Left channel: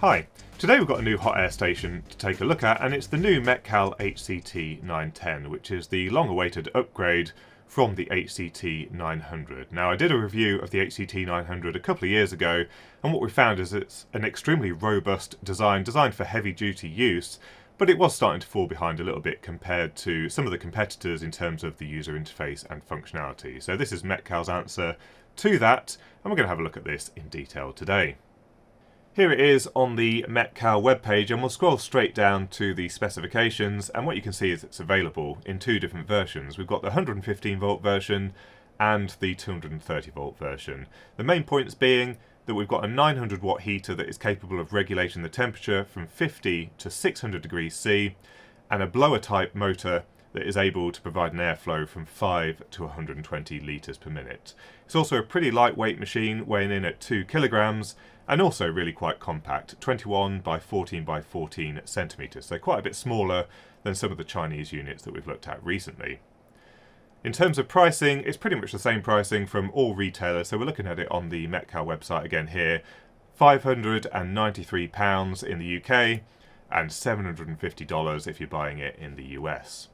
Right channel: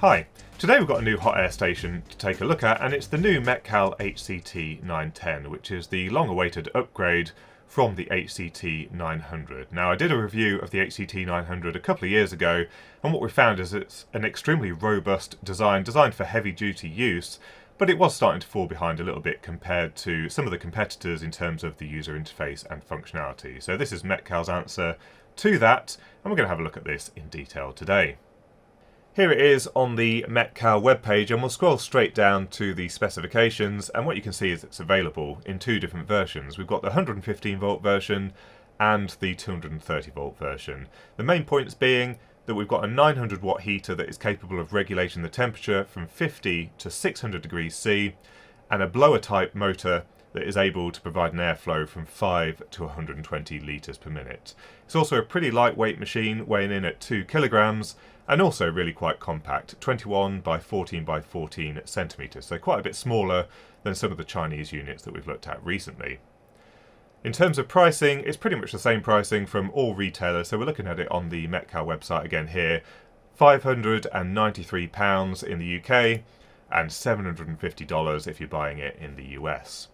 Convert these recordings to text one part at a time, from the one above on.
Hi, today we've got a new hot air station to take a look at, and it's the new Metcal HCT-910, which is the long-awaited upgrade from the HCT-900. Now, I did a review of the HCT-900 a couple of years ago, and what we found is it's an extremely robust design, designed for heavy-duty use, but it was starting to fall behind a little bit compared to some of the competitors in terms of the user interface and functionality. So this is Metcal's answer to that, and we're going to have a look at this in detail today. Here it is on the Metcal webpage, and we'll scroll straight down to the specifications, and what you can see is it's available in two different versions. We've got the 115 volt version and the 230 volt version. The main points being that we've got a 900 watt heater that is capable of regulating the temperature from 50 to 600 degrees C, and a blower type motor that is able to provide an airflow from 5 to 120 litres per minute. It's also a pretty lightweight machine, weighing in at 2 kilograms, and also really quite compact, 21 by 14 by 14 centimetres, so quite a bit smaller than some of the Chinese units that we've looked at recently. In terms of pricing, it's pretty much the same pricing from all retailers, so we're looking at it on the Metcal website again here, £593 in the UK and $750 if you're buying it in the US.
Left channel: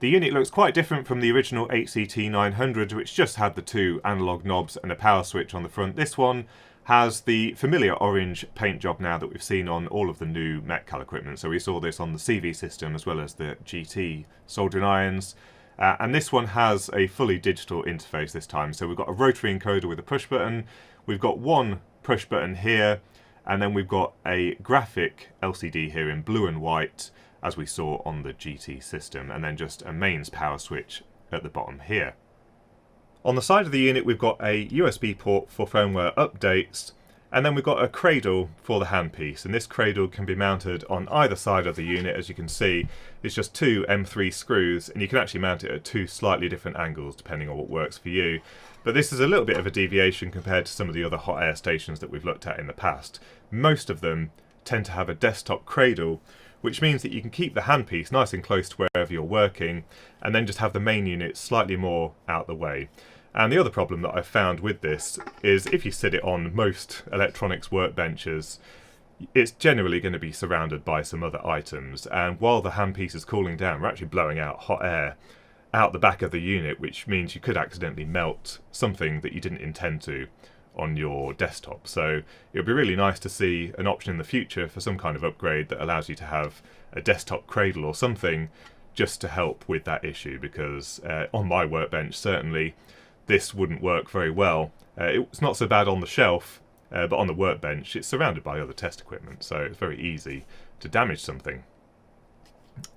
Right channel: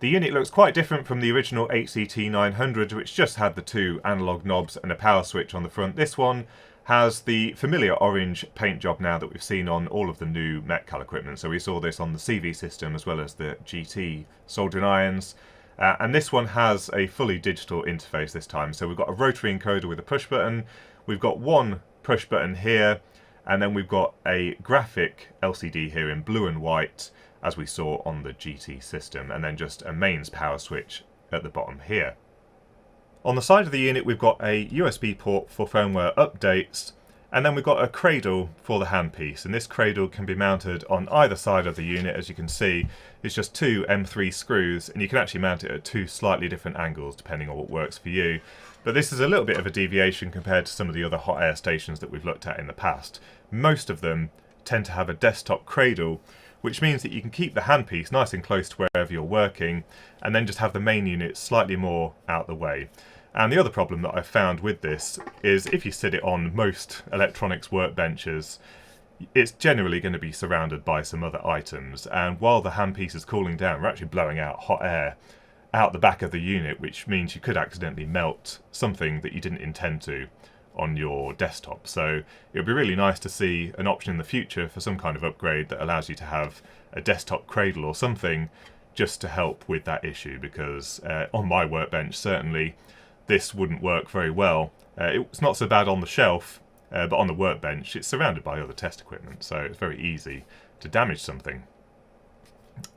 The unit looks quite different from the original HCT-900, which just had the two analogue knobs and a power switch on the front. This one has the familiar orange paint job now that we've seen on all of the new Metcal equipment. So we saw this on the CV system as well as the GT soldering irons. And this one has a fully digital interface this time. So we've got a rotary encoder with a push button. We've got one push button here, and then we've got a graphic LCD here in blue and white, as we saw on the GT system, and then just a mains power switch at the bottom here. On the side of the unit we've got a USB port for firmware updates, and then we've got a cradle for the handpiece, and this cradle can be mounted on either side of the unit. As you can see, it's just two M3 screws, and you can actually mount it at two slightly different angles depending on what works for you. But this is a little bit of a deviation compared to some of the other hot air stations that we've looked at in the past. Most of them tend to have a desktop cradle, which means that you can keep the handpiece nice and close to wherever you're working, and then just have the main unit slightly more out the way. And the other problem that I've found with this is if you sit it on most electronics workbenches, it's generally going to be surrounded by some other items, and while the handpiece is cooling down, we're actually blowing out hot air out the back of the unit, which means you could accidentally melt something that you didn't intend to on your desktop. So it would be really nice to see an option in the future for some kind of upgrade that allows you to have a desktop cradle or something just to help with that issue, because on my workbench certainly this wouldn't work very well. It's not so bad on the shelf, but on the workbench it's surrounded by other test equipment, so it's very easy to damage something.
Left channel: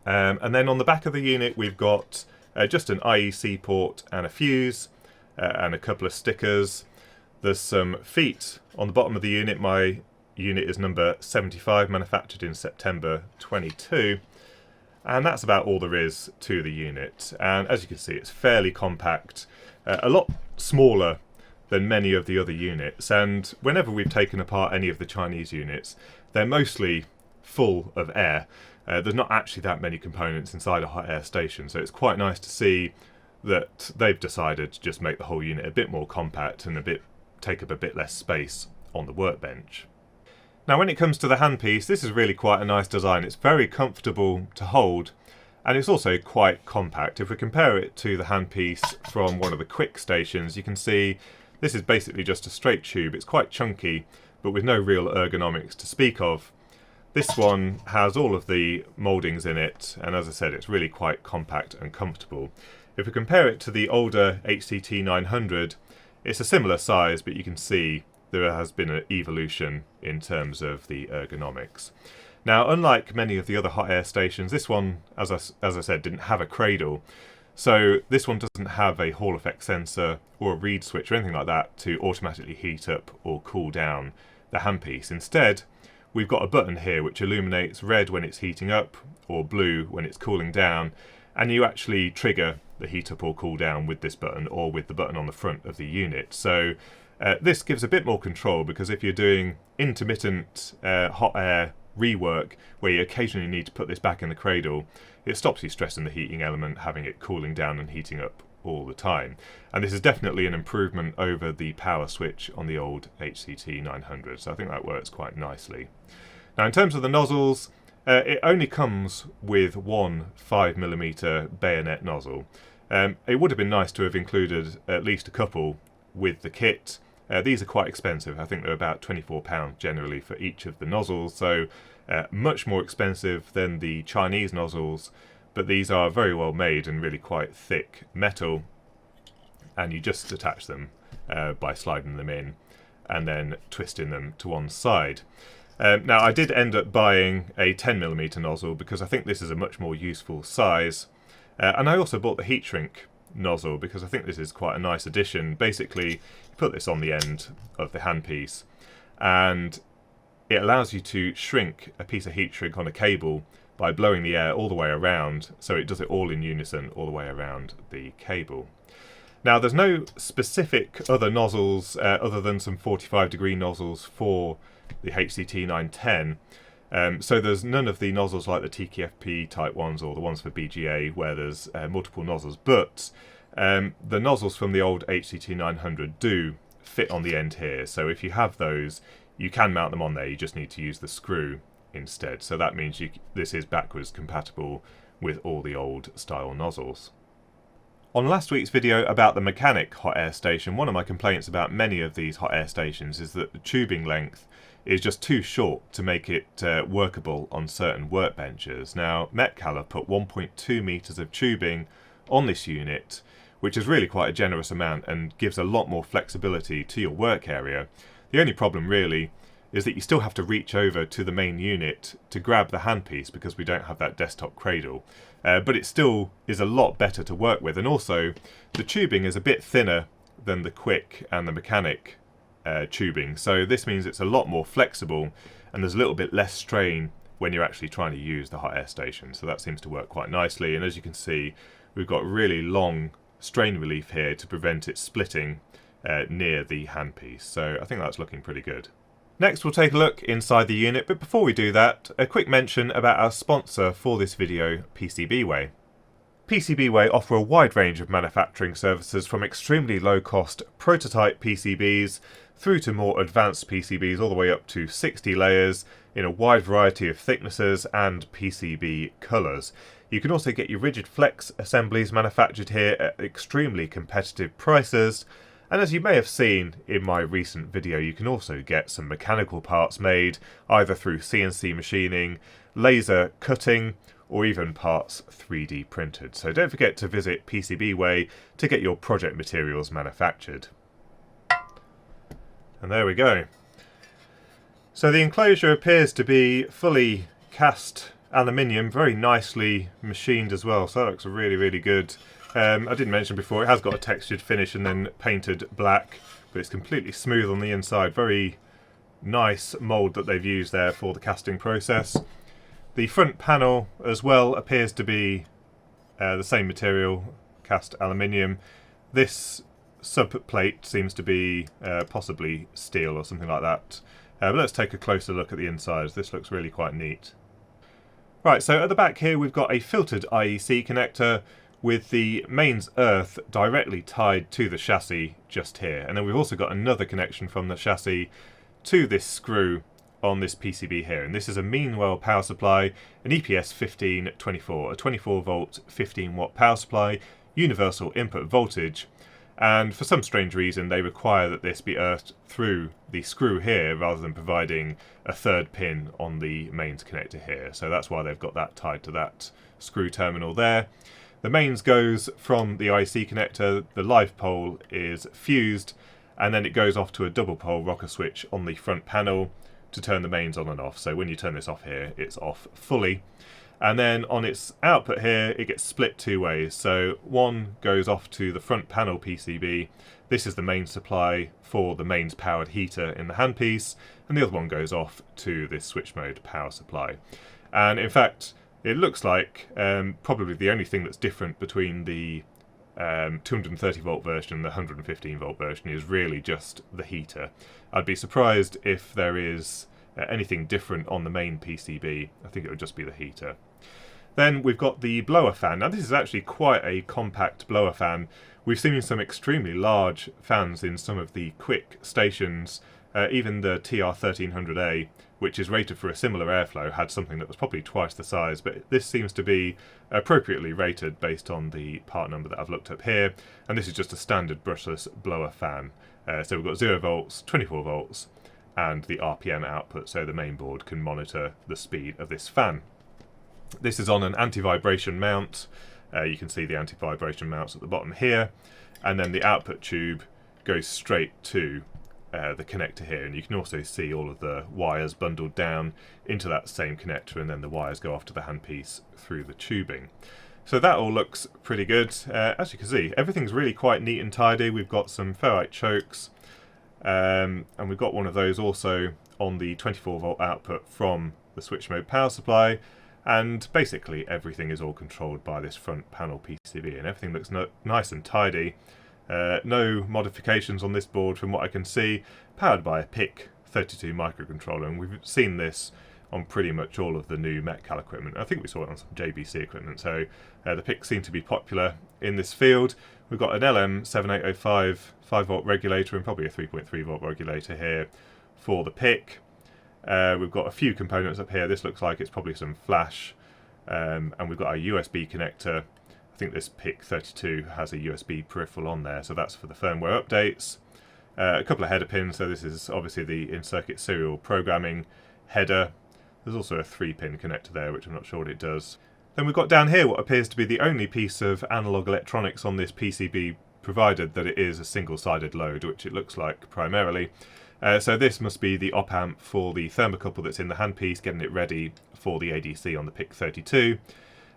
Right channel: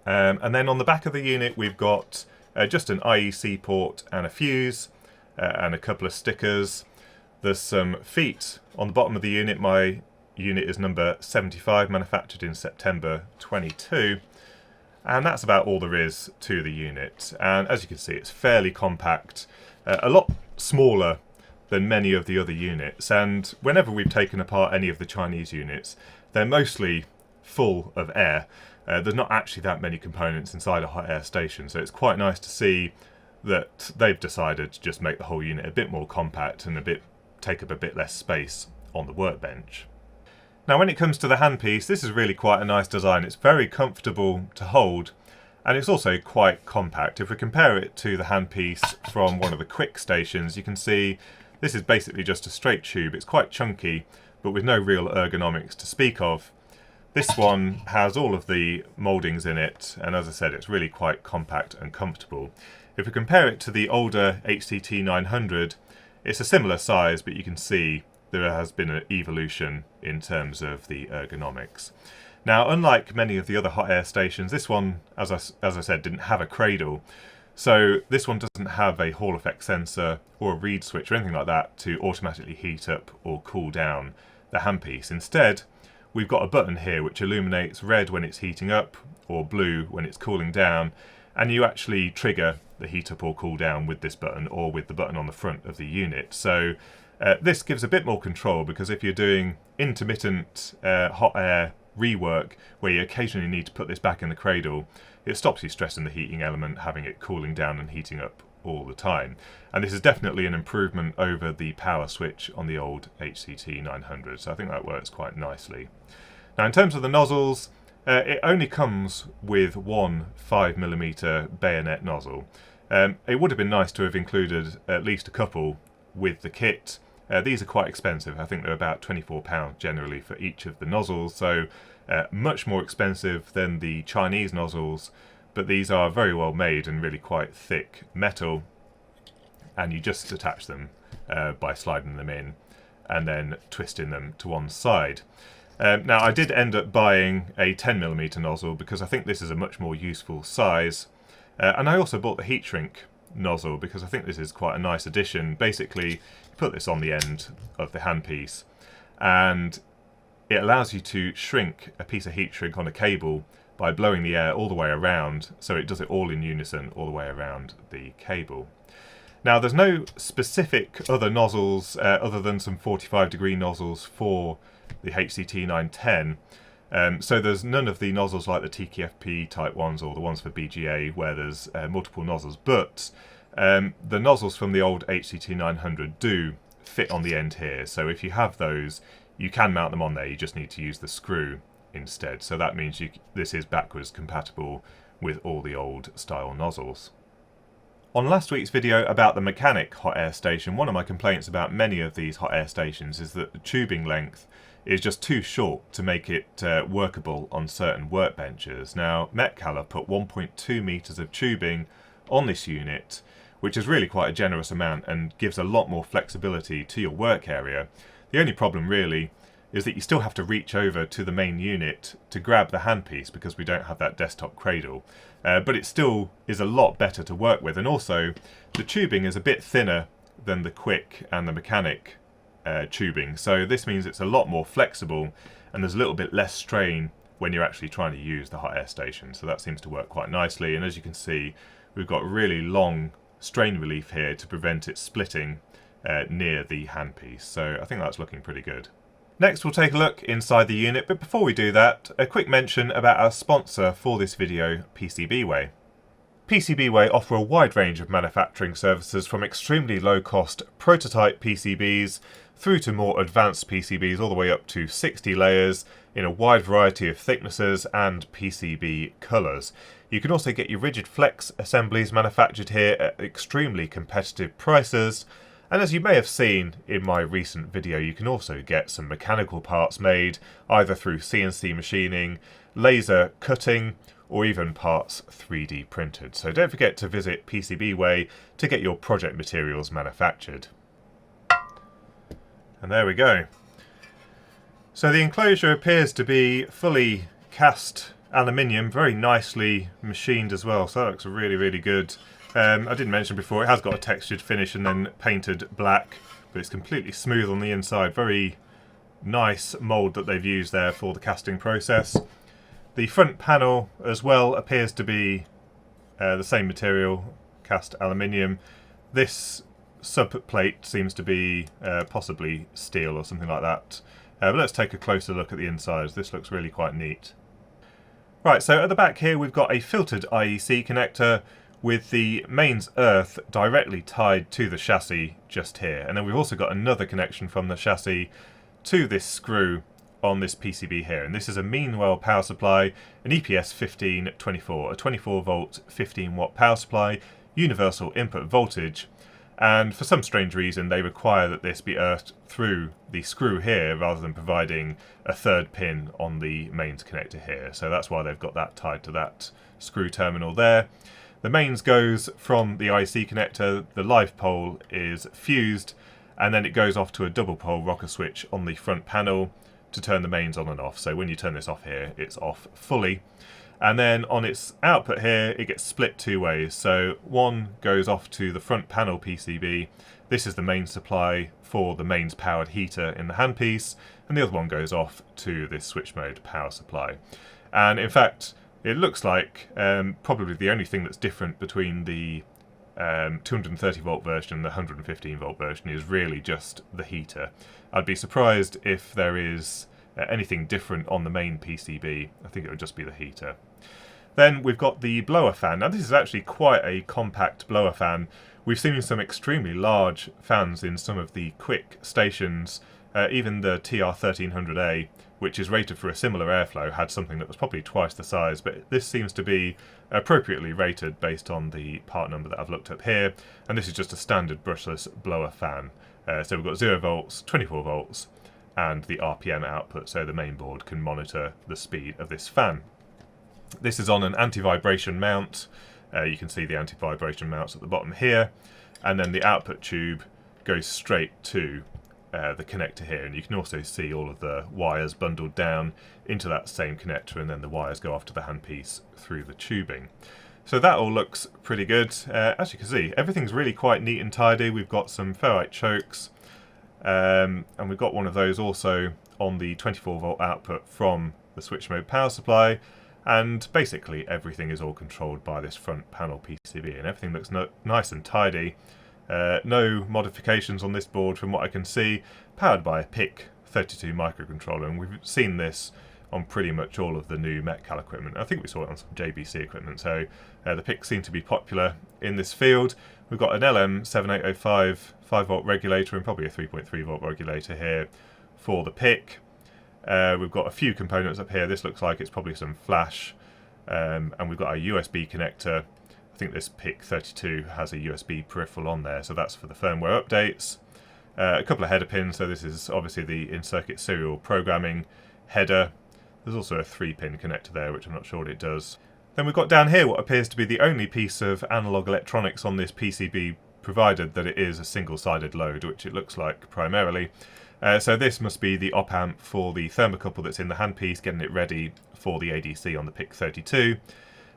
And then on the back of the unit we've got just an IEC port and a fuse and a couple of stickers. There's some feet on the bottom of the unit. My unit is number 75, manufactured in September 22. And that's about all there is to the unit. And as you can see, it's fairly compact, a lot smaller than many of the other units. And whenever we've taken apart any of the Chinese units, they're mostly full of air. There's not actually that many components inside a hot air station, so it's quite nice to see that they've decided to just make the whole unit a bit more compact and take up a bit less space on the workbench. Now when it comes to the handpiece, this is really quite a nice design. It's very comfortable to hold, and it's also quite compact. If we compare it to the handpiece from one of the quick stations, you can see this is basically just a straight tube. It's quite chunky, but with no real ergonomics to speak of. This one has all of the mouldings in it, and as I said, it's really quite compact and comfortable. If we compare it to the older HCT-900, it's a similar size, but you can see there has been an evolution in terms of the ergonomics. Now, unlike many of the other hot air stations, this one, as I said, didn't have a cradle. So this one doesn't have a Hall effect sensor or a reed switch or anything like that to automatically heat up or cool down the handpiece. Instead, we've got a button here which illuminates red when it's heating up or blue when it's cooling down, and you actually trigger the heat up or cool down with this button or with the button on the front of the unit. So this gives a bit more control, because if you're doing intermittent hot air rework where you occasionally need to put this back in the cradle, it stops you stressing the heating element, having it cooling down and heating up all the time. And this is definitely an improvement over the power switch on the old HCT-900, so I think that works quite nicely. Now in terms of the nozzles, it only comes with one 5mm bayonet nozzle. It would have been nice to have included at least a couple with the kit. These are quite expensive. I think they're about £24 generally for each of the nozzles, so much more expensive than the Chinese nozzles, but these are very well made and really quite thick metal, and you just attach them by sliding them in and then twisting them to one side. Now I did end up buying a 10mm nozzle because I think this is a much more useful size, and I also bought the heat shrink nozzle because I think this is quite a nice addition. Basically, you put this on the end of the handpiece and it allows you to shrink a piece of heat shrink on a cable by blowing the air all the way around, so it does it all in unison all the way around the cable. Now there's no specific other nozzles other than some 45-degree nozzles for the HCT-910, so there's none of the nozzles like the TKFP type ones or the ones for BGA where there's multiple nozzles, but the nozzles from the old HCT-900 do fit on the end here, so if you have those you can mount them on there, you just need to use the screw instead, so that means this is backwards compatible with all the old style nozzles. On last week's video about the mechanic hot air station, one of my complaints about many of these hot air stations is that the tubing length is just too short to make it workable on certain workbenches. Now Metcal have put 1.2 meters of tubing on this unit, which is really quite a generous amount and gives a lot more flexibility to your work area. The only problem really is that you still have to reach over to the main unit to grab the handpiece because we don't have that desktop cradle. But it still is a lot better to work with, and also the tubing is a bit thinner than the quick and the mechanic tubing, so this means it's a lot more flexible and there's a little bit less strain when you're actually trying to use the hot air station, so that seems to work quite nicely. And as you can see, we've got really long strain relief here to prevent it splitting near the handpiece, so I think that's looking pretty good. Next we'll take a look inside the unit, but before we do that, a quick mention about our sponsor for this video, PCBWay. PCBWay offer a wide range of manufacturing services from extremely low cost prototype PCBs through to more advanced PCBs all the way up to 60 layers in a wide variety of thicknesses and PCB colours. You can also get your rigid flex assemblies manufactured here at extremely competitive prices. And as you may have seen in my recent video, you can also get some mechanical parts made either through CNC machining, laser cutting, or even parts 3D printed. So don't forget to visit PCBWay to get your project materials manufactured. And there we go. So the enclosure appears to be fully cast aluminium, very nicely machined as well, so that looks really, really good. I didn't mention before, it has got a textured finish and then painted black, but it's completely smooth on the inside. Very nice mould that they've used there for the casting process. The front panel as well appears to be the same material, cast aluminium. This subplate seems to be possibly steel or something like that. But let's take a closer look at the insides. This looks really quite neat. Right, so at the back here we've got a filtered IEC connector with the mains earth directly tied to the chassis just here. And then we've also got another connection from the chassis to this screw on this PCB here. And this is a Meanwell power supply, an EPS 1524, a 24 volt 15 watt power supply, universal input voltage. And for some strange reason they require that this be earthed through the screw here rather than providing a third pin on the mains connector here. So that's why they've got that tied to that screw terminal there. The mains goes from the IC connector, the live pole is fused, and then it goes off to a double pole rocker switch on the front panel to turn the mains on and off. So when you turn this off here, it's off fully. And then on its output here, it gets split two ways. So one goes off to the front panel PCB. This is the main supply for the mains powered heater in the handpiece, and the other one goes off to this switch mode power supply. And in fact, it looks like probably the only thing that's different between the 230 volt version and the 115 volt version is really just the heater. I'd be surprised if there is anything different on the main PCB. I think it would just be the heater. Then we've got the blower fan. Now this is actually quite a compact blower fan We've seen some extremely large fans in some of the quick stations. Even the TR1300A, which is rated for a similar airflow, had something that was probably twice the size, but this seems to be appropriately rated based on the part number that I've looked up here, and this is just a standard brushless blower fan. So we've got 0 volts, 24 volts, and the RPM output, so the main board can monitor the speed of this fan. This is on an anti-vibration mount. You can see the anti-vibration mounts at the bottom here, and then the output tube goes straight to the connector here, and you can also see all of the wires bundled down into that same connector, and then the wires go off to the handpiece through the tubing. So that all looks pretty good. As you can see, everything's really quite neat and tidy. We've got some ferrite chokes, and we've got one of those also on the 24 volt output from the switch mode power supply. And basically everything is all controlled by this front panel PCB, and everything looks nice and tidy. No modifications on this board from what I can see, powered by a PIC 32 microcontroller, and we've seen this on pretty much all of the new Metcal equipment. I think we saw it on some JBC equipment, so the PICs seem to be popular in this field. We've got an LM7805 5 volt regulator and probably a 3.3 volt regulator here for the PIC. We've got a few components up here. This looks like it's probably some flash, and we've got a USB connector. I think this PIC 32 has a USB peripheral on there, so that's for the firmware updates. A couple of header pins, so this is obviously the in-circuit serial programming header. There's also a 3-pin connector there, which I'm not sure what it does. Then we've got down here what appears to be the only piece of analog electronics on this PCB, provided that it is a single-sided load, which it looks like primarily. So this must be the op-amp for the thermocouple that's in the handpiece, getting it ready for the ADC on the PIC 32.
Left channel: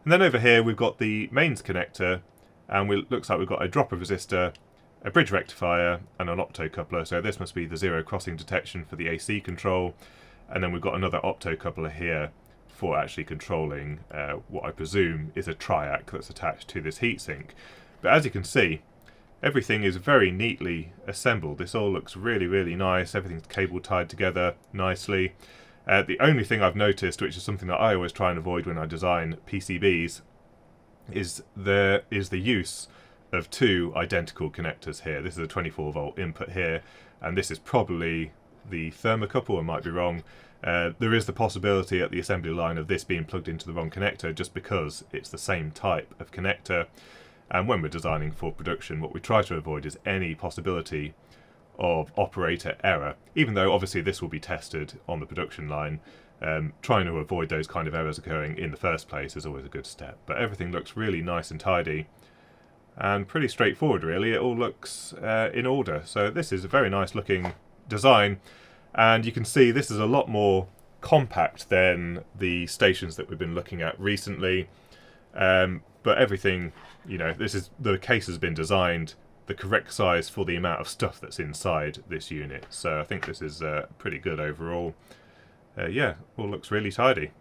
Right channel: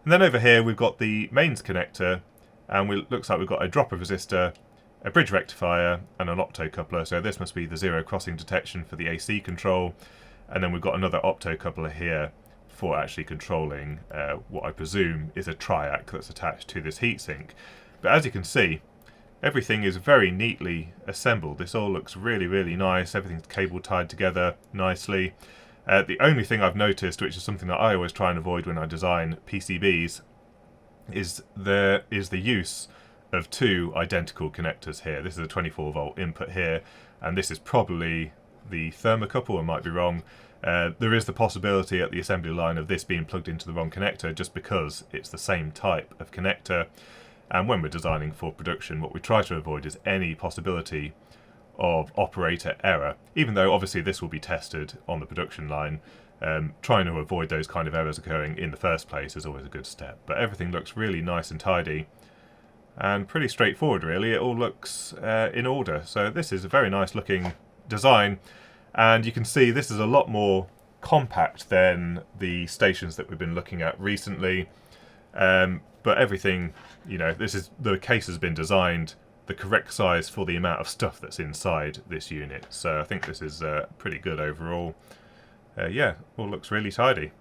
And then over here we've got the mains connector, and it looks like we've got a dropper resistor, a bridge rectifier, and an optocoupler. So this must be the zero crossing detection for the AC control. And then we've got another optocoupler here for actually controlling what I presume is a triac that's attached to this heatsink. But as you can see, everything is very neatly assembled. This all looks really, really nice. Everything's cable tied together nicely. The only thing I've noticed, which is something that I always try and avoid when I design PCBs, is the use of two identical connectors here. This is a 24 volt input here, and this is probably the thermocouple. I might be wrong. There is the possibility at the assembly line of this being plugged into the wrong connector, just because it's the same type of connector. And when we're designing for production, what we try to avoid is any possibility of operator error, even though obviously this will be tested on the production line. Trying to avoid those kind of errors occurring in the first place is always a good step. But everything looks really nice and tidy and pretty straightforward, really. It all looks in order. So this is a very nice looking design, and you can see this is a lot more compact than the stations that we've been looking at recently. But everything, you know, the case has been designed the correct size for the amount of stuff that's inside this unit. So I think this is pretty good overall. Yeah, all looks really tidy.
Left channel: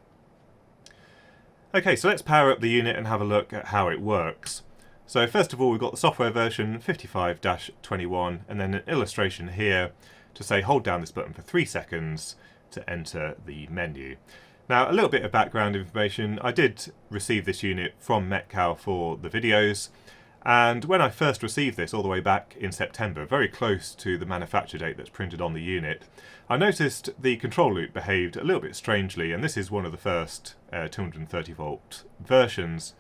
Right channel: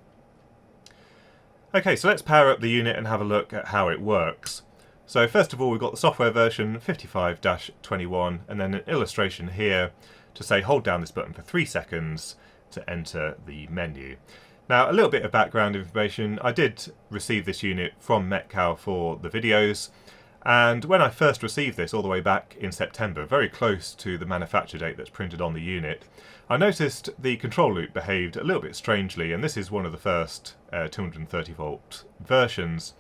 Okay, so let's power up the unit and have a look at how it works. So first of all, we've got the software version 55-21, and then an illustration here to say hold down this button for 3 seconds to enter the menu. Now, a little bit of background information. I did receive this unit from Metcal for the videos, and when I first received this all the way back in September, very close to the manufacture date that's printed on the unit, I noticed the control loop behaved a little bit strangely, and this is one of the first 230 volt versions.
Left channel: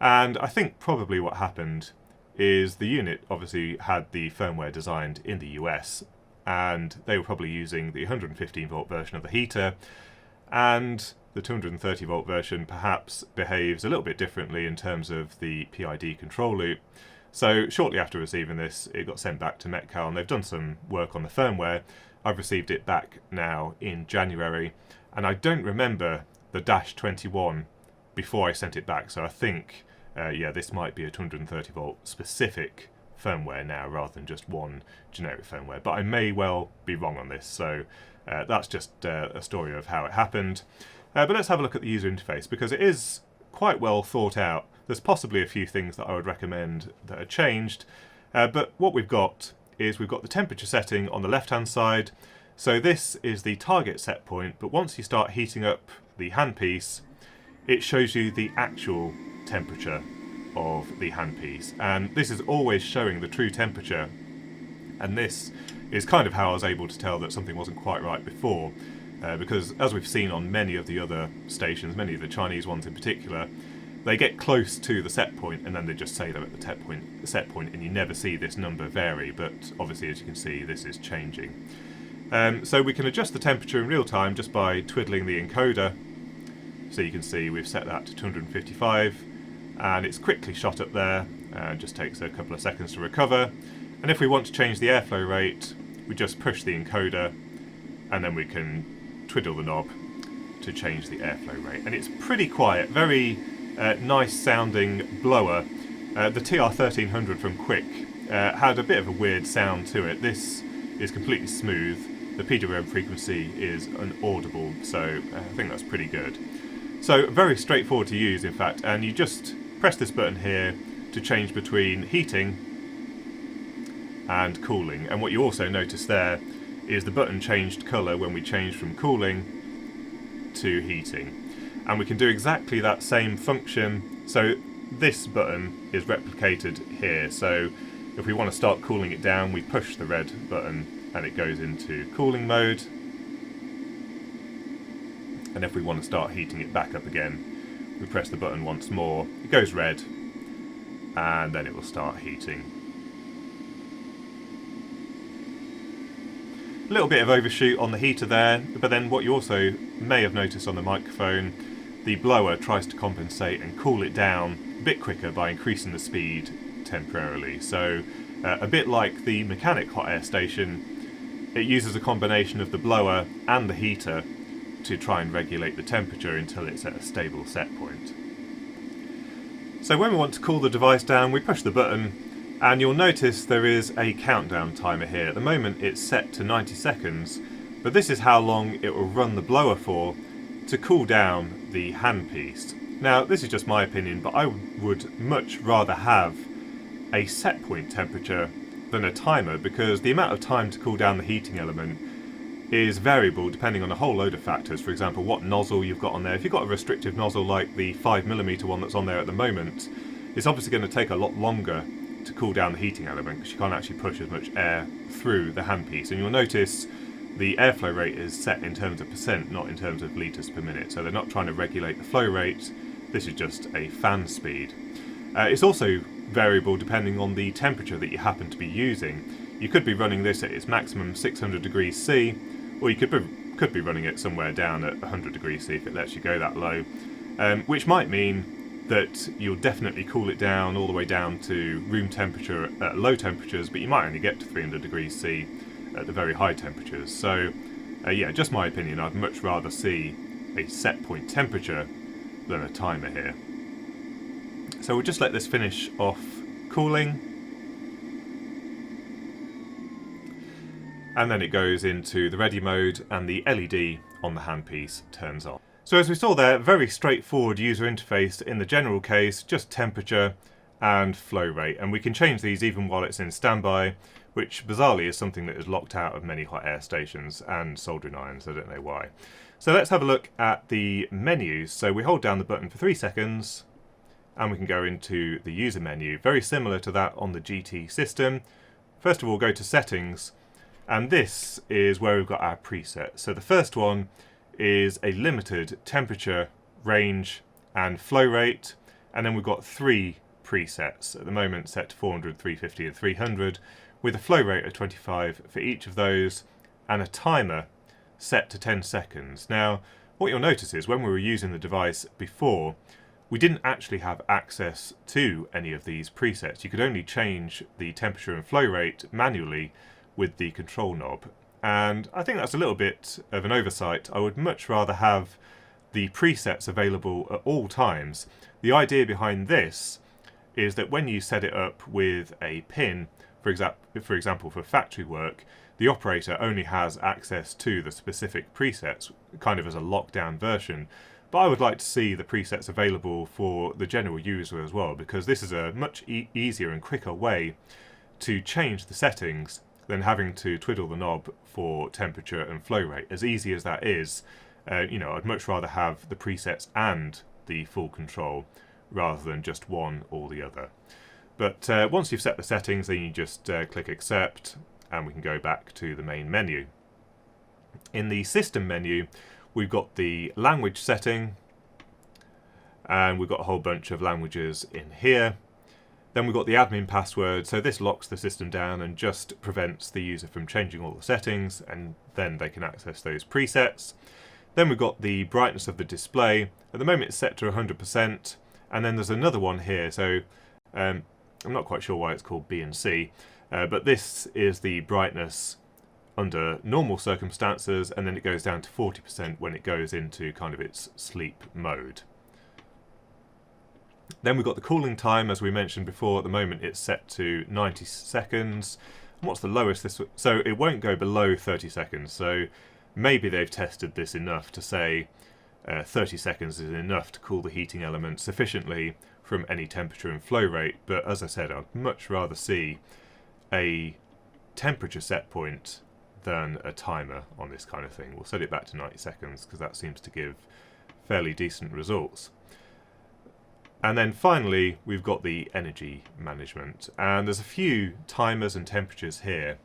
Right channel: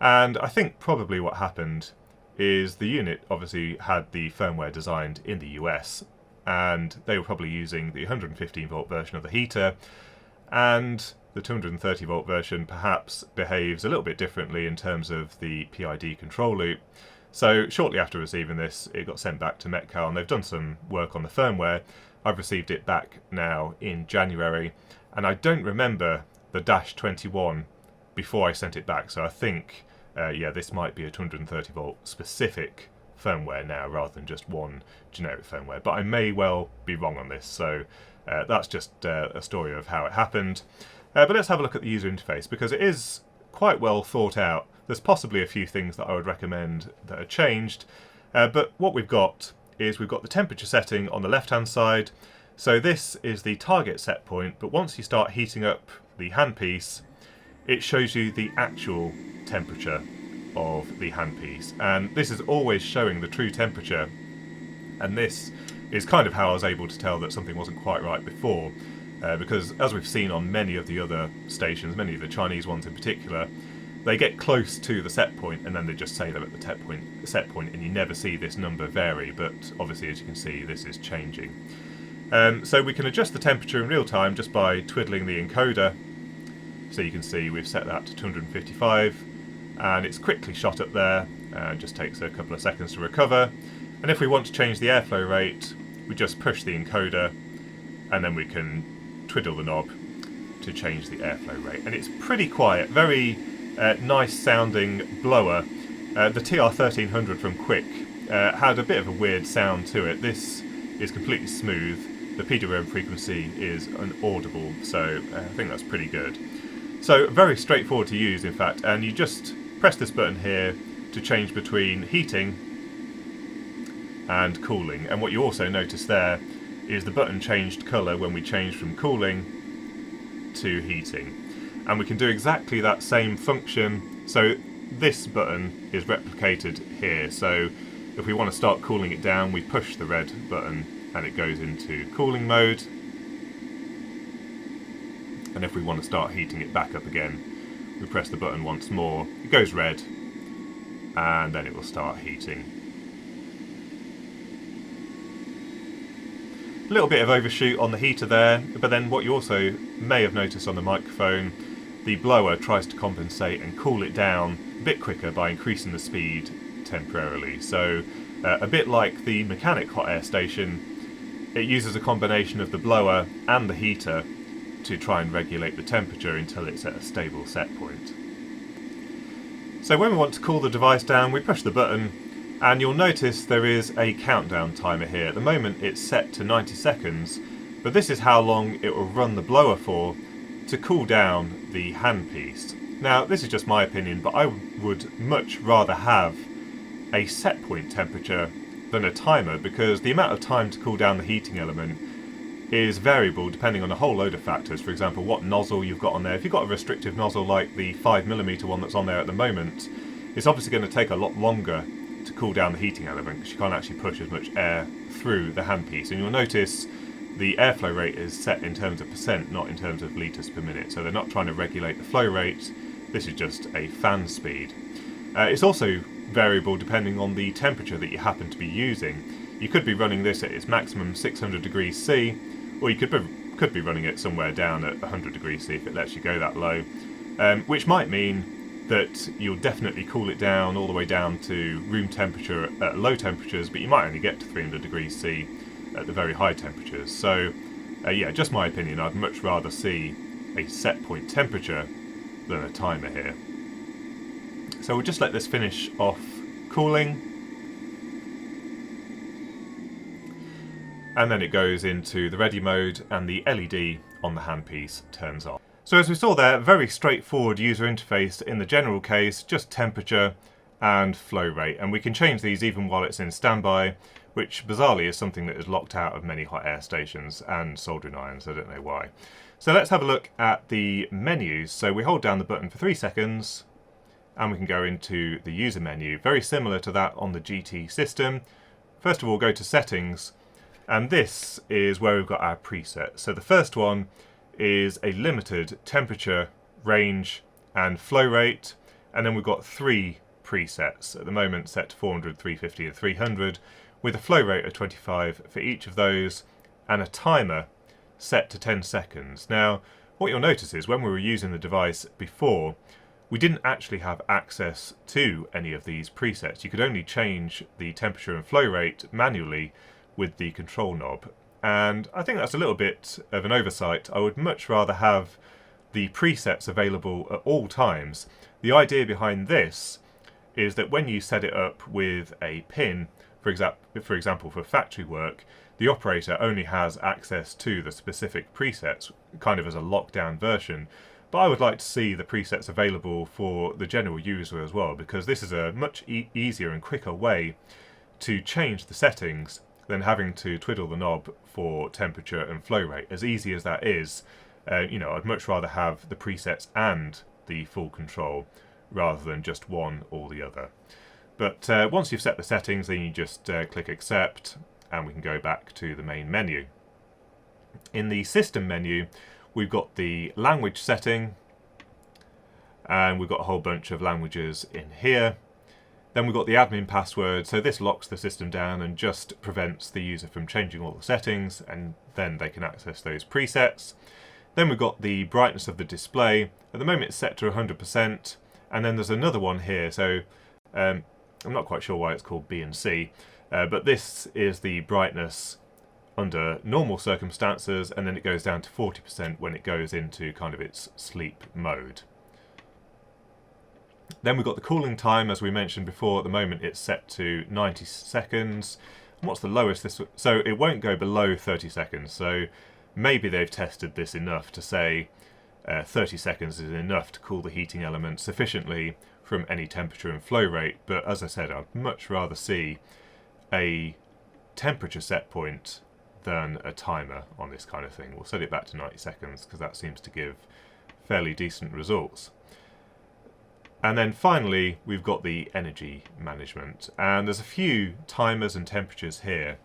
And I think probably what happened is the unit obviously had the firmware designed in the US, and they were probably using the 115 volt version of the heater, and the 230 volt version perhaps behaves a little bit differently in terms of the PID control loop. So shortly after receiving this, it got sent back to Metcal, and they've done some work on the firmware. I've received it back now in January, and I don't remember the -21 before I sent it back, so I think yeah, this might be a 230 volt specific firmware now rather than just one generic firmware, but I may well be wrong on this, so that's just a story of how it happened. But let's have a look at the user interface, because it is quite well thought out. There's possibly a few things that I would recommend that are changed, but what we've got is we've got the temperature setting on the left hand side. So this is the target set point, but once you start heating up the handpiece, it shows you the actual temperature of the handpiece, and this is always showing the true temperature, and this is kind of how I was able to tell that something wasn't quite right before, because as we've seen on many of the other stations, many of the Chinese ones in particular, they get close to the set point and then they just say they're at the set point, and you never see this number vary, but obviously as you can see this is changing. So we can adjust the temperature in real time just by twiddling the encoder. So you can see we've set that to 255 and it's quickly shot up there, just takes a couple of seconds to recover. And if we want to change the airflow rate, we just push the encoder and then we can twiddle the knob to change the airflow rate. And it's pretty quiet, very nice sounding blower. The TR1300 from Quick had a bit of a weird sound to it. This is completely smooth. The PWM frequency is inaudible, so I think that's pretty good. So very straightforward to use, in fact, and you just press this button here to change between heating and cooling. And what you also notice there is the button changed colour when we change from cooling to heating. And we can do exactly that same function. So this button is replicated here. So if we want to start cooling it down, we push the red button and it goes into cooling mode. And if we want to start heating it back up again, we press the button once more, it goes red, and then it will start heating. A little bit of overshoot on the heater there, but then what you also may have noticed on the microphone, the blower tries to compensate and cool it down a bit quicker by increasing the speed temporarily. So a bit like the mechanic hot air station, it uses a combination of the blower and the heater to try and regulate the temperature until it's at a stable set point. So when we want to cool the device down, we push the button, and you'll notice there is a countdown timer here. At the moment it's set to 90 seconds, but this is how long it will run the blower for to cool down the handpiece. Now this is just my opinion, but I would much rather have a set point temperature than a timer, because the amount of time to cool down the heating element is variable depending on a whole load of factors. For example, what nozzle you've got on there. If you've got a restrictive nozzle like the 5mm one that's on there at the moment, it's obviously going to take a lot longer to cool down the heating element because you can't actually push as much air through the handpiece. And you'll notice the airflow rate is set in terms of percent, not in terms of litres per minute. So they're not trying to regulate the flow rate, this is just a fan speed. It's also variable depending on the temperature that you happen to be using. You could be running this at its maximum 600 degrees C, or you could be running it somewhere down at 100 degrees C if it lets you go that low, which might mean that you'll definitely cool it down all the way down to room temperature at low temperatures, but you might only get to 300 degrees C at the very high temperatures. So yeah, just my opinion, I'd much rather see a set point temperature than a timer here. So we'll just let this finish off cooling. And then it goes into the ready mode and the LED on the handpiece turns on. So as we saw there, very straightforward user interface in the general case, just temperature and flow rate. And we can change these even while it's in standby, which bizarrely is something that is locked out of many hot air stations and soldering irons, I don't know why. So let's have a look at the menus. So we hold down the button for 3 seconds and we can go into the user menu, very similar to that on the GT system. First of all, go to settings. And this is where we've got our presets. So the first one is a limited temperature, range and flow rate. And then we've got 3 presets at the moment set to 400, 350 and 300 with a flow rate of 25 for each of those and a timer set to 10 seconds. Now what you'll notice is when we were using the device before, we didn't actually have access to any of these presets. You could only change the temperature and flow rate manually with the control knob, and I think that's a little bit of an oversight. I would much rather have the presets available at all times. The idea behind this is that when you set it up with a pin, for example for factory work, the operator only has access to the specific presets, kind of as a lockdown version. But I would like to see the presets available for the general user as well, because this is a much easier and quicker way to change the settings than having to twiddle the knob for temperature and flow rate. As easy as that is, you know, I'd much rather have the presets and the full control rather than just one or the other. But once you've set the settings, then you just click accept, and we can go back to the main menu. In the system menu, we've got the language setting, and we've got a whole bunch of languages in here. Then we've got the admin password, so this locks the system down and just prevents the user from changing all the settings, and then they can access those presets. Then we've got the brightness of the display. At the moment it's set to 100%, and then there's another one here, so I'm not quite sure why it's called B and C, but this is the brightness under normal circumstances, and then it goes down to 40% when it goes into kind of its sleep mode. Then we've got the cooling time, as we mentioned before. At the moment it's set to 90 seconds. And what's the lowest this? So it won't go below 30 seconds. So maybe they've tested this enough to say 30 seconds is enough to cool the heating element sufficiently from any temperature and flow rate. But as I said, I'd much rather see a temperature set point than a timer on this kind of thing. We'll set it back to 90 seconds because that seems to give fairly decent results. And then finally, we've got the energy management, and there's a few timers and temperatures here.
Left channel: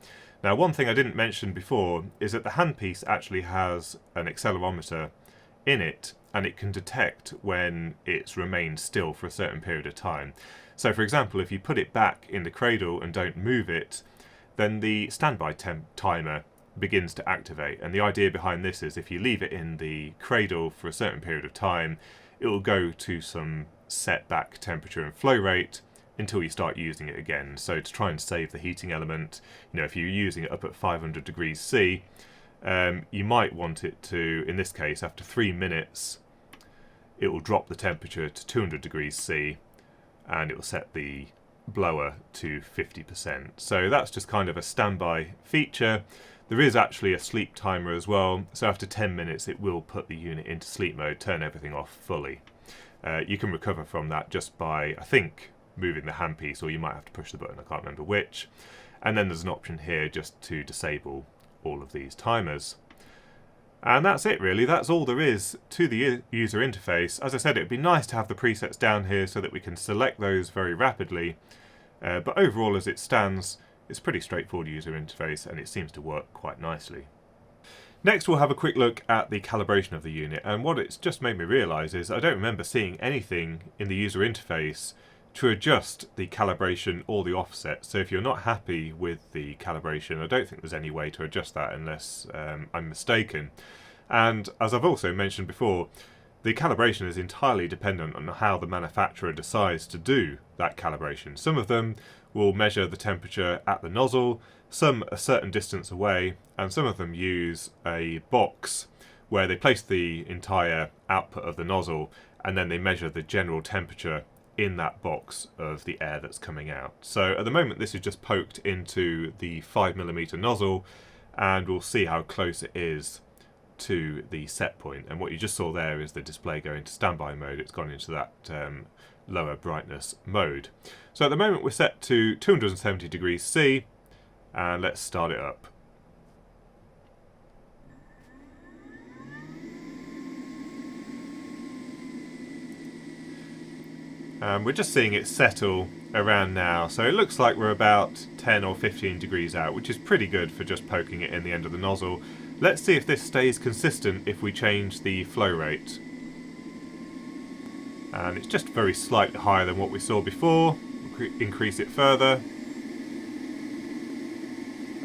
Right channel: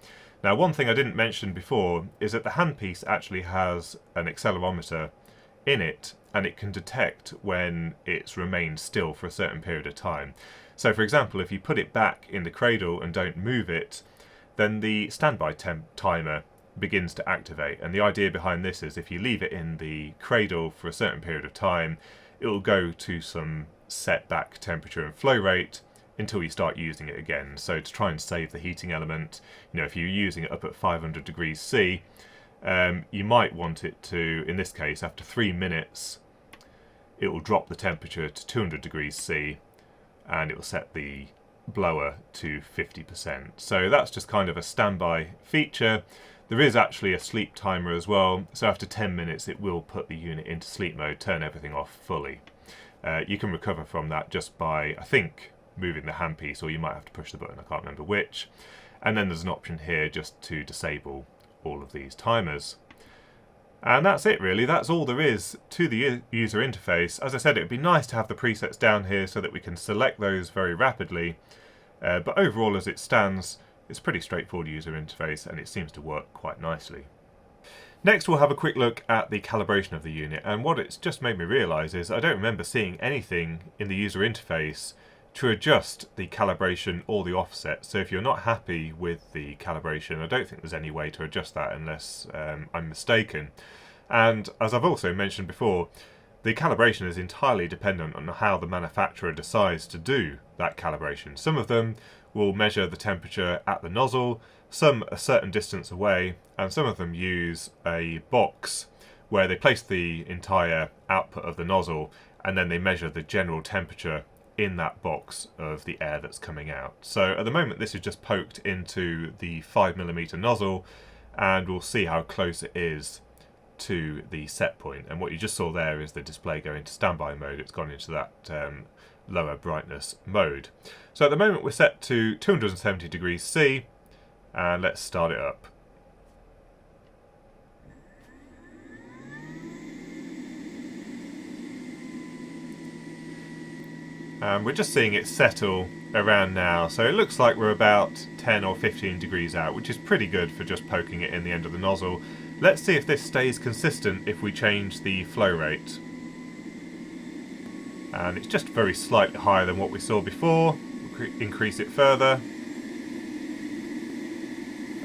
Now, one thing I didn't mention before is that the handpiece actually has an accelerometer in it, and it can detect when it's remained still for a certain period of time. So, for example, if you put it back in the cradle and don't move it, then the standby timer begins to activate. And the idea behind this is if you leave it in the cradle for a certain period of time, it will go to some set back temperature and flow rate until you start using it again. So to try and save the heating element, you know, if you're using it up at 500 degrees C, you might want it to, in this case, after 3 minutes, it will drop the temperature to 200 degrees C, and it will set the blower to 50%. So that's just kind of a standby feature. There is actually a sleep timer as well, so after 10 minutes it will put the unit into sleep mode, turn everything off fully. You can recover from that just by, I think, moving the handpiece, or you might have to push the button, I can't remember which. And then there's an option here just to disable all of these timers. And that's it really, that's all there is to the user interface. As I said, it would be nice to have the presets down here so that we can select those very rapidly. But overall, as it stands, it's a pretty straightforward user interface, and it seems to work quite nicely. Next, we'll have a quick look at the calibration of the unit, and what it's just made me realise is I don't remember seeing anything in the user interface to adjust the calibration or the offset. So if you're not happy with the calibration, I don't think there's any way to adjust that unless I'm mistaken. And as I've also mentioned before, the calibration is entirely dependent on how the manufacturer decides to do that calibration. Some of them will measure the temperature at the nozzle, some a certain distance away, and some of them use a box where they place the entire output of the nozzle and then they measure the general temperature in that box of the air that's coming out. So at the moment this is just poked into the 5mm nozzle, and we'll see how close it is to the set point. And what you just saw there is the display going to standby mode. It's gone into that lower brightness mode. So at the moment we're set to 270 degrees C, and let's start it up. We're just seeing it settle around now, so it looks like we're about 10 or 15 degrees out, which is pretty good for just poking it in the end of the nozzle. Let's see if this stays consistent if we change the flow rate. And it's just very slightly higher than what we saw before. Increase it further.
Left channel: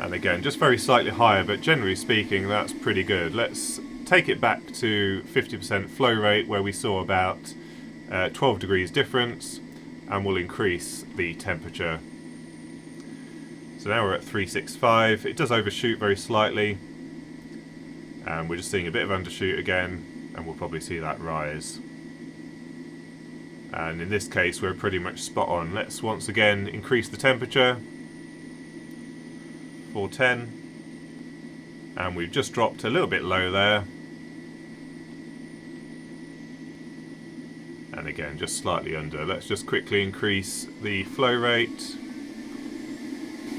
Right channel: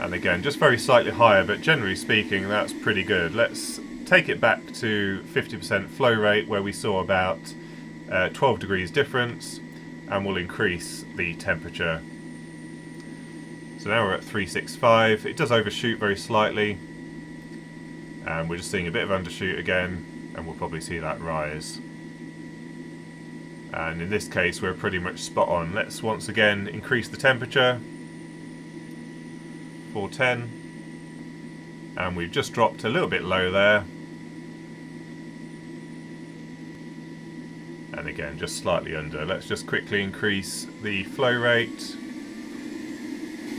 And again, just very slightly higher, but generally speaking, that's pretty good. Let's take it back to 50% flow rate, where we saw about 12 degrees difference, and we'll increase the temperature. So now we're at 365. It does overshoot very slightly, and we're just seeing a bit of undershoot again, and we'll probably see that rise. And in this case we're pretty much spot on. Let's once again increase the temperature, 410, and we've just dropped a little bit low there. And again, just slightly under. Let's just quickly increase the flow rate.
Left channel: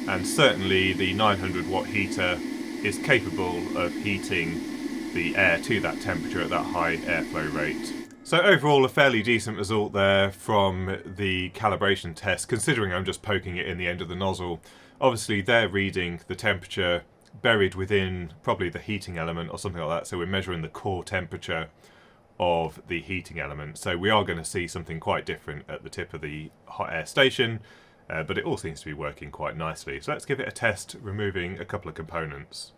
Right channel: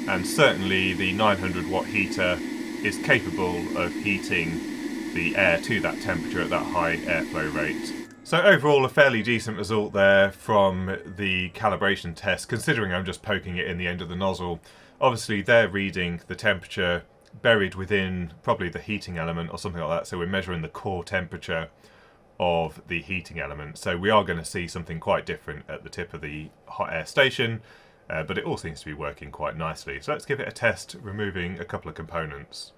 And certainly the 900 watt heater is capable of heating the air to that temperature at that high airflow rate. So overall, a fairly decent result there from the calibration test, considering I'm just poking it in the end of the nozzle. Obviously, they're reading the temperature buried within probably the heating element or something like that, so we're measuring the core temperature of the heating element. So we are going to see something quite different at the tip of the hot air station, but it all seems to be working quite nicely. So let's give it a test, removing a couple of components.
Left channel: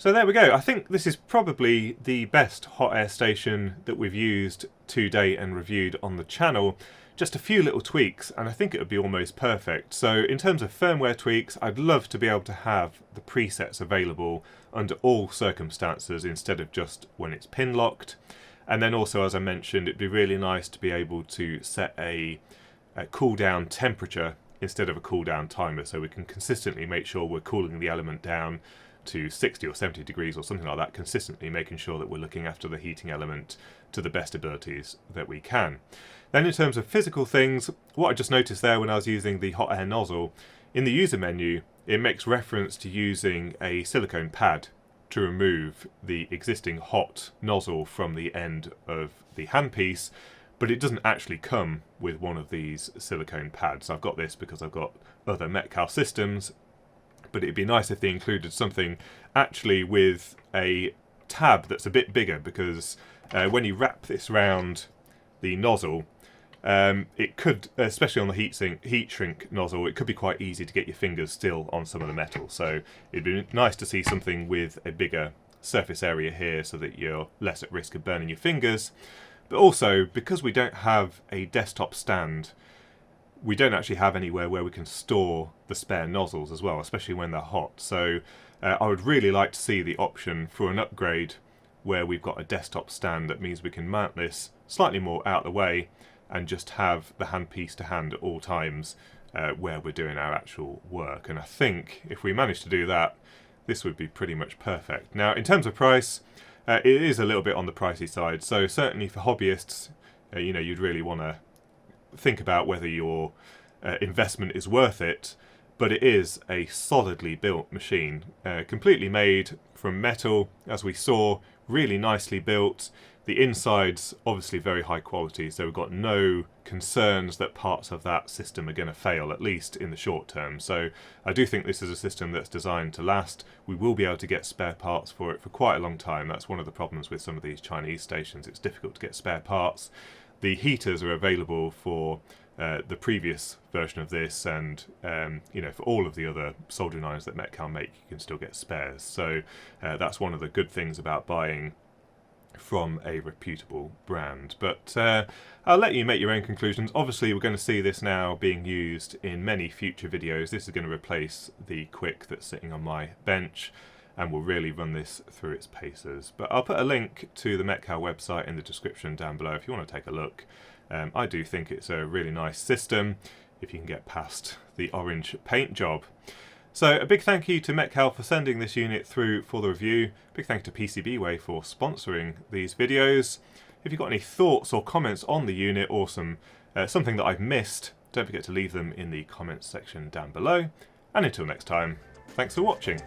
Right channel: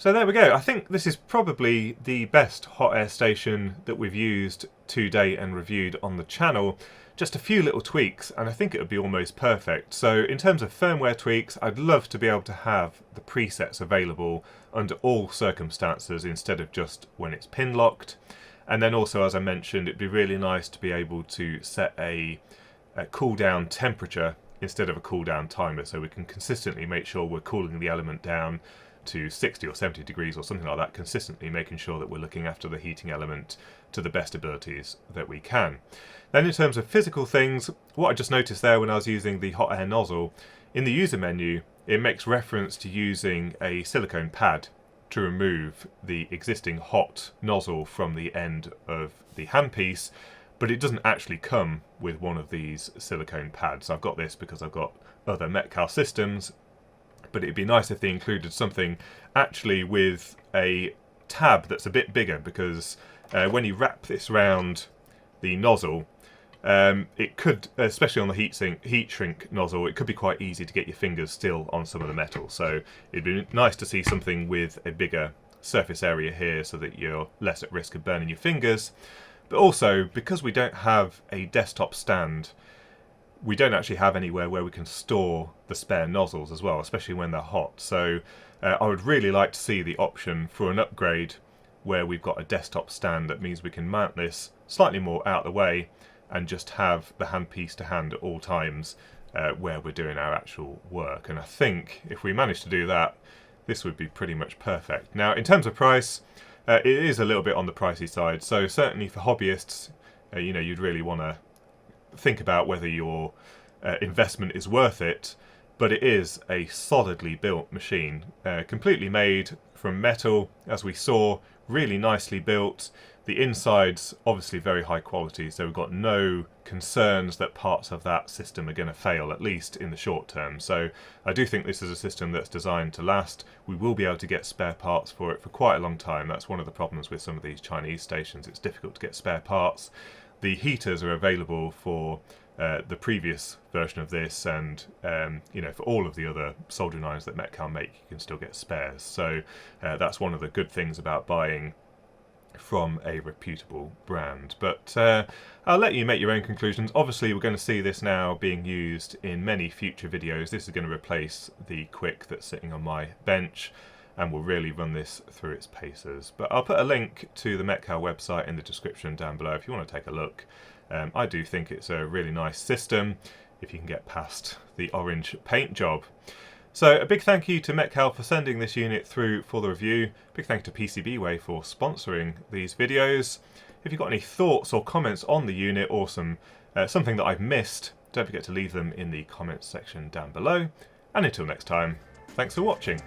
So there we go. I think this is probably the best hot air station that we've used to date and reviewed on the channel. Just a few little tweaks and I think it would be almost perfect. So in terms of firmware tweaks, I'd love to be able to have the presets available under all circumstances instead of just when it's pin locked. And then also, as I mentioned, it'd be really nice to be able to set a cool down temperature instead of a cool down timer, so we can consistently make sure we're cooling the element down to 60 or 70 degrees or something like that, consistently making sure that we're looking after the heating element to the best abilities that we can. Then in terms of physical things, what I just noticed there when I was using the hot air nozzle, in the user menu it makes reference to using a silicone pad to remove the existing hot nozzle from the end of the handpiece, but it doesn't actually come with one of these silicone pads. I've got this because I've got other Metcal systems, but it'd be nice if they included something actually with a tab that's a bit bigger, because when you wrap this round the nozzle, it could, especially on the heat shrink nozzle, it could be quite easy to get your fingers still on some of the metal. So it'd be nice to see something with a bigger surface area here so that you're less at risk of burning your fingers. But also, because we don't have a desktop stand, we don't actually have anywhere where we can store the spare nozzles as well, especially when they're hot. So I would really like to see the option for an upgrade where we've got a desktop stand. That means we can mount this slightly more out of the way and just have the handpiece to hand at all times where we're doing our actual work. And I think if we manage to do that, this would be pretty much perfect. Now, in terms of price, it is a little bit on the pricey side. So certainly for hobbyists, you'd really want to think about whether your investment is worth it, but it is a solidly built machine, completely made from metal, as we saw, really nicely built. The inside's obviously very high quality, so we've got no concerns that parts of that system are going to fail, at least in the short term. So I do think this is a system that's designed to last. We will be able to get spare parts for it for quite a long time. That's one of the problems with some of these Chinese stations. It's difficult to get spare parts. The heaters are available for the previous version of this, and for all of the other soldering irons that Metcal make, you can still get spares. So that's one of the good things about buying from a reputable brand. But I'll let you make your own conclusions. Obviously, we're going to see this now being used in many future videos. This is going to replace the Quick that's sitting on my bench, and we'll really run this through its paces. But I'll put a link to the Metcal website in the description down below if you want to take a look. I do think it's a really nice system if you can get past the orange paint job. So a big thank you to Metcal for sending this unit through for the review. Big thank you to PCBWay for sponsoring these videos. If you've got any thoughts or comments on the unit or something that I've missed, don't forget to leave them in the comments section down below. And until next time, thanks for watching.